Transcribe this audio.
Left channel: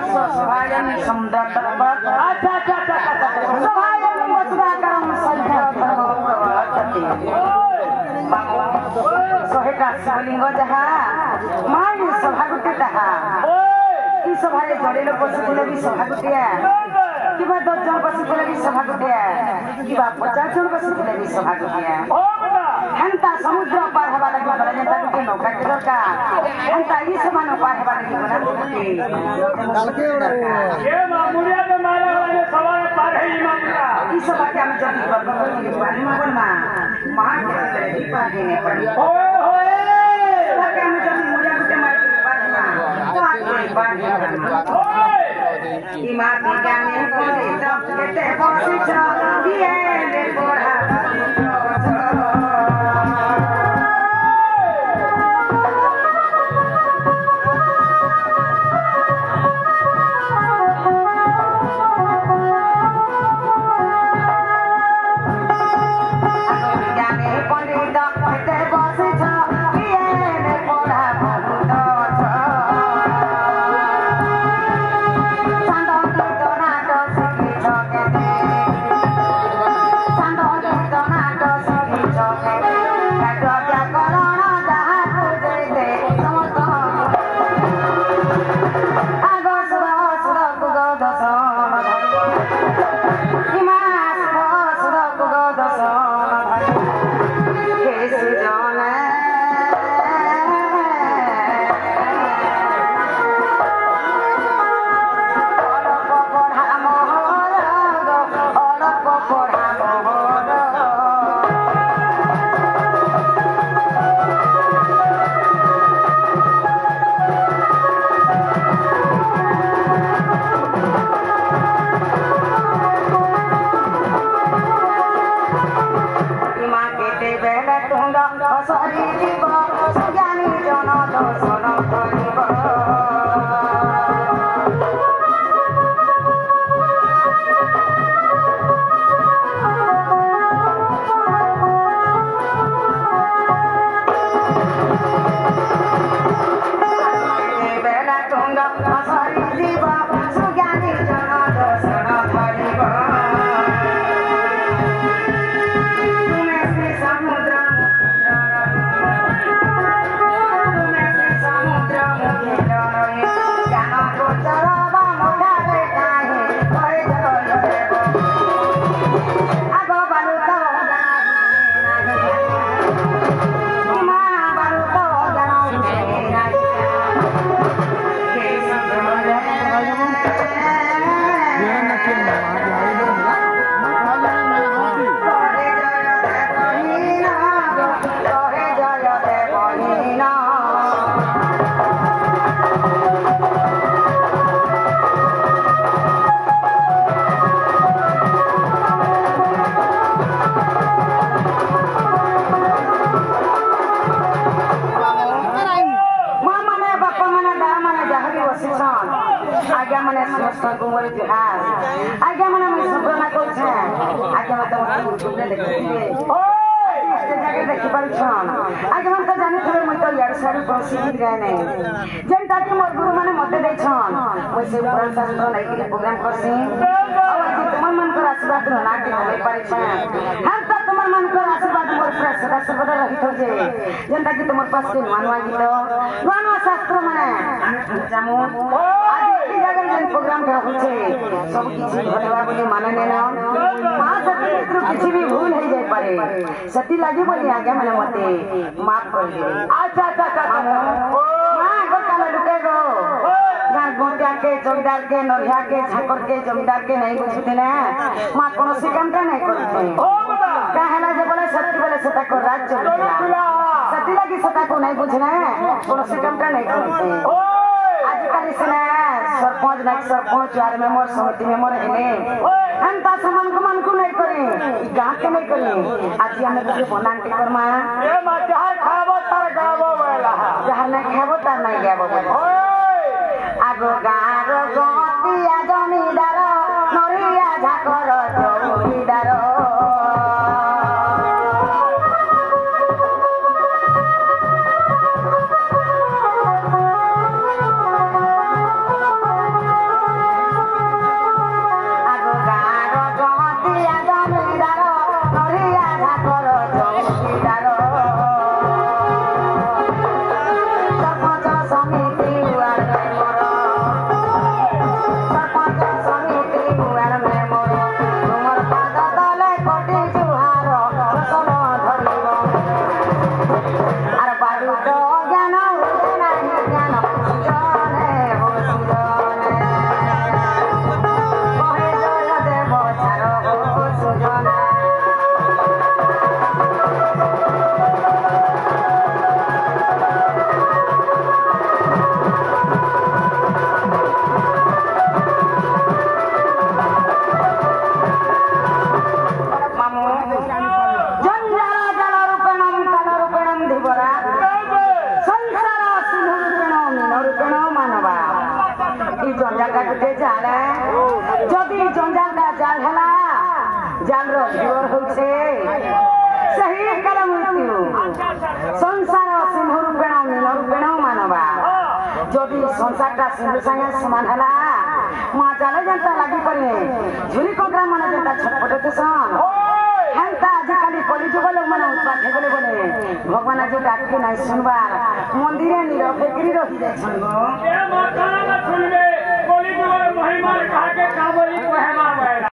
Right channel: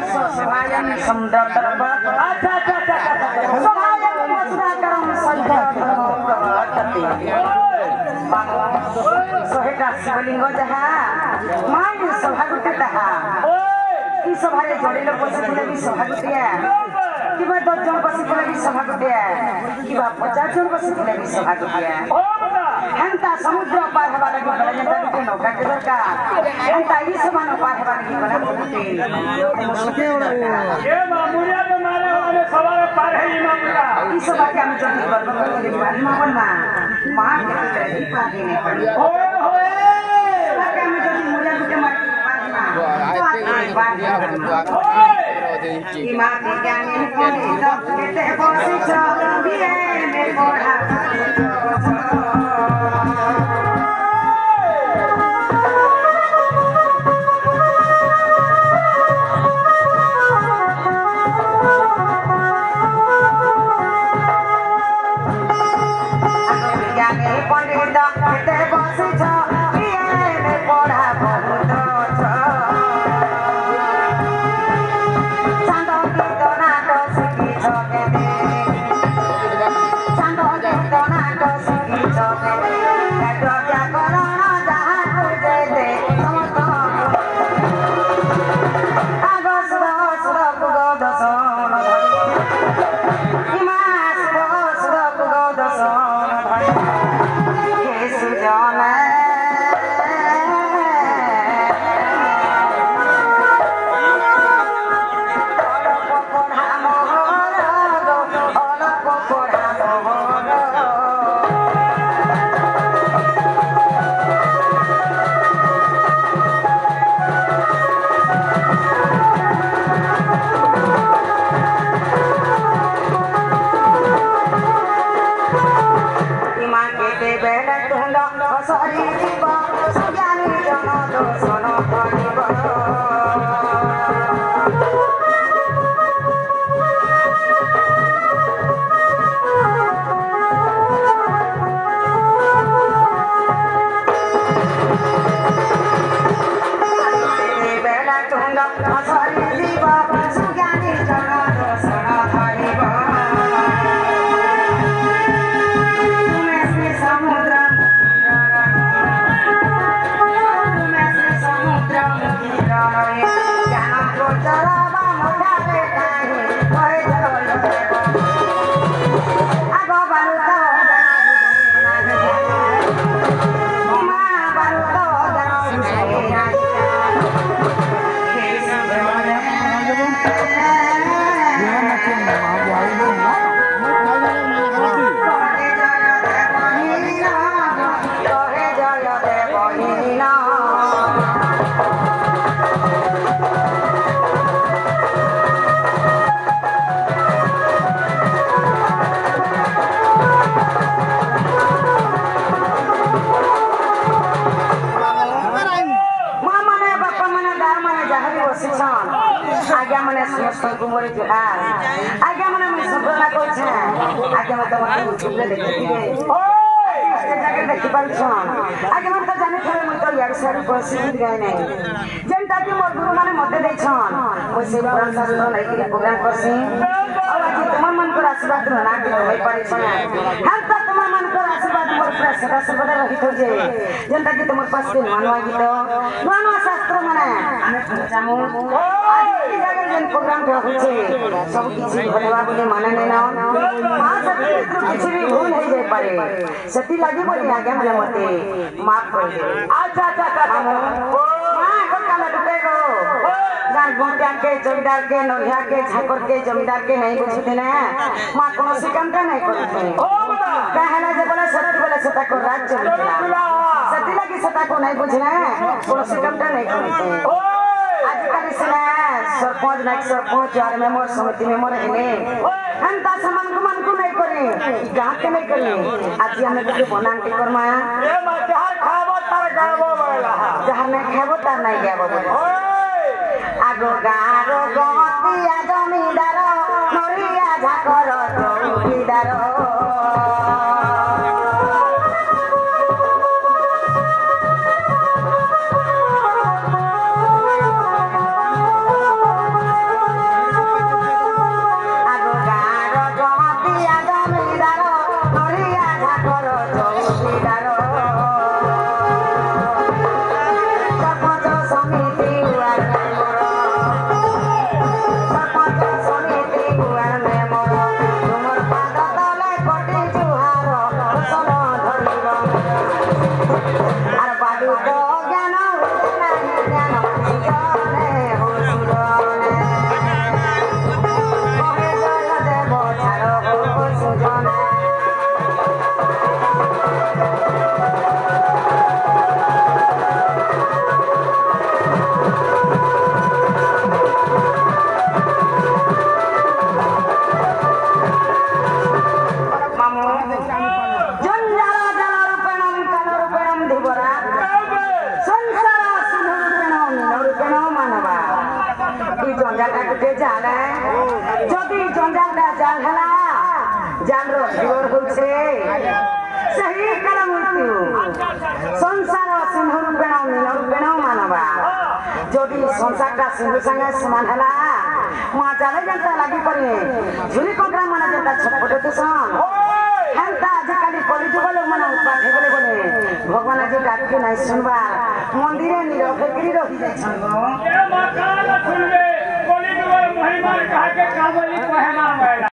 सभायन समुद्र तर्पत अच्छा सभायन मधुराकरम संध्य धर्म प्रवर्तते सहेका शिवलिंग जहा माई सभा गुटे ताहा ई सभारे जड़िलो बसिले भी सभा गुटिया किबा 10 जन बसिले भी सभा गुटिया किबा 50 जन बसिले भी सभा गुटिया हंता समुद्र पार हवा लगी बड़ा जनता के नौका के दरकार हंता ई सभा न पार हवा लगी बना गुटे ये मामुरिया में मारे वाले सभा पार है ई मामुरिया ई सभा के हम जल्दी कर दो मार ना बनना मां के ही पार नहीं पड़ी ओए होए सभा के हम जल्दी मुरिया गुटे मार Imati jangan pondok kita posisi dia mekoda. Jangan pondok kita posisi dia mekoda. आगे मने मैं सब ना कोइ छै आगे मत मत सुबह देखिए ओए इसके जाके देखि परछन आगे मन तो जाने थोड़े मैं तो यार सारी प्रसिद्ध गए नहीं जेंता के मोर गुरु माने मते दै छन ओइ से पुरान शास्त्र नै के प्रोग्राम करसी और आज तुम्हार मन को आशीर्वाद ना के होई पड़े छै हम तो तुम्हार मन को आशीर्वाद मोर पर सदा सर्वदा रहित हो जे जेंता के तुम्हार पास के मानवा गीत मानवा शास्त्र माने जामु प्रोग्राम सब किसी भलवा बोले माने ना मां सती मित्र किसी भी भूल हो जाए पारे सती लागे बोली आगे मैंने मते माफ कर दे अच्छा मां को काला दुटे गो गान गोंटिया के जमींदार के नोहिया के झाकर के जमींदार के नहीं बुझते ना मां कोनो से काम नहीं करते ओ बाबा कहला जे बोले सता को राज चलता सती लागी सता को नहीं बुझना कोनो से काम नहीं करते आजकल इसने सरपंच लाइक सरपंच और मेंबर समिति मेंबर हेले हम ता समान को नहीं करे गांव के नहीं करे आज हमें के बनान के करमा ए मा जहर खाबो तार गाबो वाला जहर नहीं खाबो तार नहीं गाबो ओए आगो गारो गतिया जमीदार नरिया झाकर जमीदार জঞ্জালটা কেটে জালে যদি জঞ্জালটা জাল হেলা জালর জীবর হচ্ছে সেই কাল মৃত্যু সংসার সিন্ধু রূপেণ নীল রূপেণ মানবা যদি সংসারটা সিন্ধু সাঙ্গে সমান হেলা মা জালে যেটা লাগি করে ঝুলি কোকরা মানে যেটা ছটপটে তুসন হেলতা আজকালি কলিযুগ লোক মানে উৎপাত হয়ে গেলে বলে ভগবান আজ ডাকি নাই শুনবার মন্দিরে নীরব ফেকরি রহি যাইছন শুনবে কলিযুগের মহিমার কাকে কাবলি কহে না